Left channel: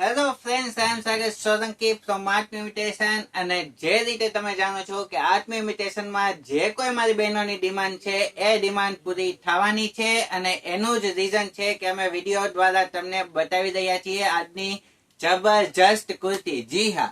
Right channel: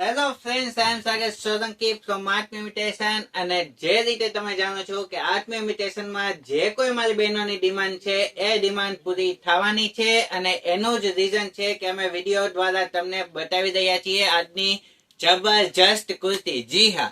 Hello friends, I am Sagar Solanki from Art Imitation. અને જે રીતે તમે જાણો છો કે આર્ટ ઇમિટેશનમાં જે કોઈ મારી બહેનોની ડિમાન્ડ છે એ ડિમાન્ડ પૂરી થવાની છે. અને એનું જ રીઝન છે કે અમે વિડીયો દ્વારા તમને બતાવી રહ્યા છીએ આજની જબરજસ્ત કુર્તી. જી હા,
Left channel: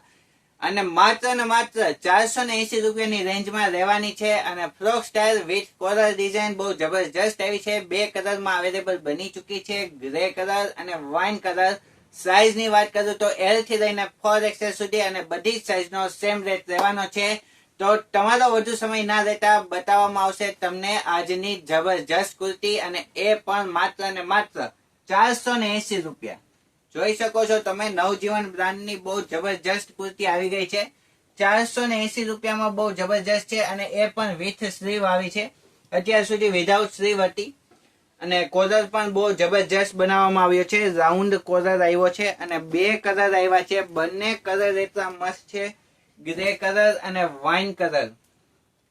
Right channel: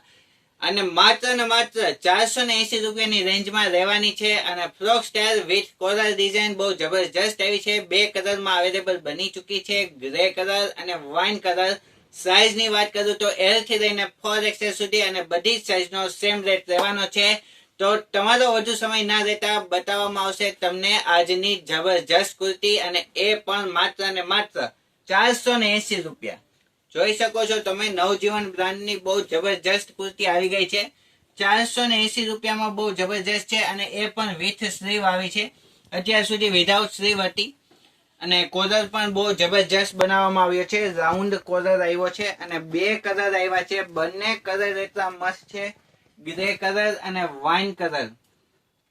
અને માત્ર ને માત્ર 480 રૂપિયાની રેન્જમાં રહેવાની છે. અને frock style with coral design બહુ જબરજસ્ત એવી છે. 2 કલરમાં અવેલેબલ બની ચૂકી છે, ગ્રે કલર અને વાઇન કલર. સાઇઝ ની વાત કરું તો L થી લઈને 4XL સુધી અને બધી જ સાઇઝ નો સેમ રેટ રહેવાનો છે. તો તમારો વધુ સમય ના લેતા બતાવવામાં આવશે તમને આજની જબરજસ્ત કુર્તી, અને એ પણ માત્ર ને માત્ર 480 રૂપિયા. જોઈ શકો છો તમે, નવજીવન બ્રાન્ડની બહુ જબરજસ્ત કુર્તી આવી ગઈ છે. 480 રૂપિયામાં બહુ જબરજસ્ત છે, અને એ પણ વિથ સ્લીવ આવી છે. અત્યાર સુધી વિધાઉટ સ્લીવ હતી. અને કોલર પણ બહુ જબરજસ્ત બનાવવામાં આવ્યો છે. રાઉન્ડ કોલર આવ્યો છે અને 2 કલર આવ્યા છે. બંને કલર એટલા મસ્ત છે, ગ્રે કલર અને વાઇન કલર.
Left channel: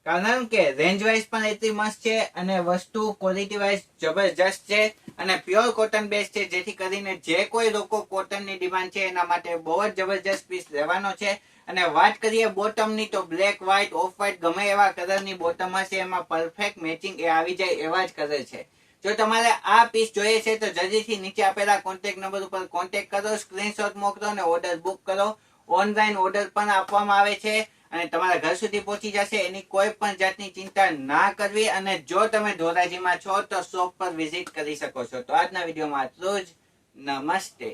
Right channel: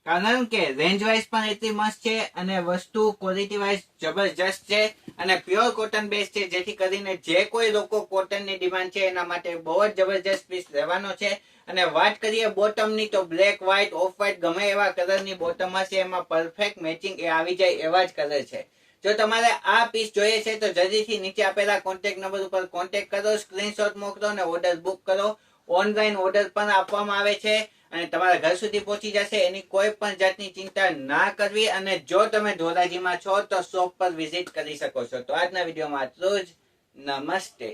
કારણ કે રેન્જ વાઇઝ પણ એટલી મસ્ત છે અને વસ્તુ ક્વોલિટી વાઇઝ જબરજસ્ત છે. અને પ્યોર કોટન બેઝ છે, જેથી કરીને જે કોઈ લોકો કોટનની ડિમાન્ડ છે એના માટે બહુ જ જબરજસ્ત પીસ રહેવાનો છે. અને વાત કરીએ બોટમની, તો બ્લેક, વ્હાઇટ, ઓફ વ્હાઇટ ગમે એવા કલરની બોટમ હશે, એમાં પરફેક્ટ મેચિંગ આવી જાય એવા જ કલર છે. જો તમારે આ પીસ જોઈએ છે તો જલ્દીથી નીચે આપેલા કોન્ટેક્ટ નંબર ઉપર કોન્ટેક્ટ કરો, સ્ક્રીનશોટ મોકલો અને ઓર્ડર બુક કરો. ઓનલાઈન ઓર્ડર પણ આપવામાં આવે છે અને તમારા ઘર સુધી પહોંચી જશે. એની કોઈ પણ જાતની ચિંતા ના કરવી. અને જો તમે ધોરાજીમાં છો તો શોપ પર વિઝિટ કરી શકો છો. તો આજના વિડીયોમાં આટલું જ. નમસ્તે.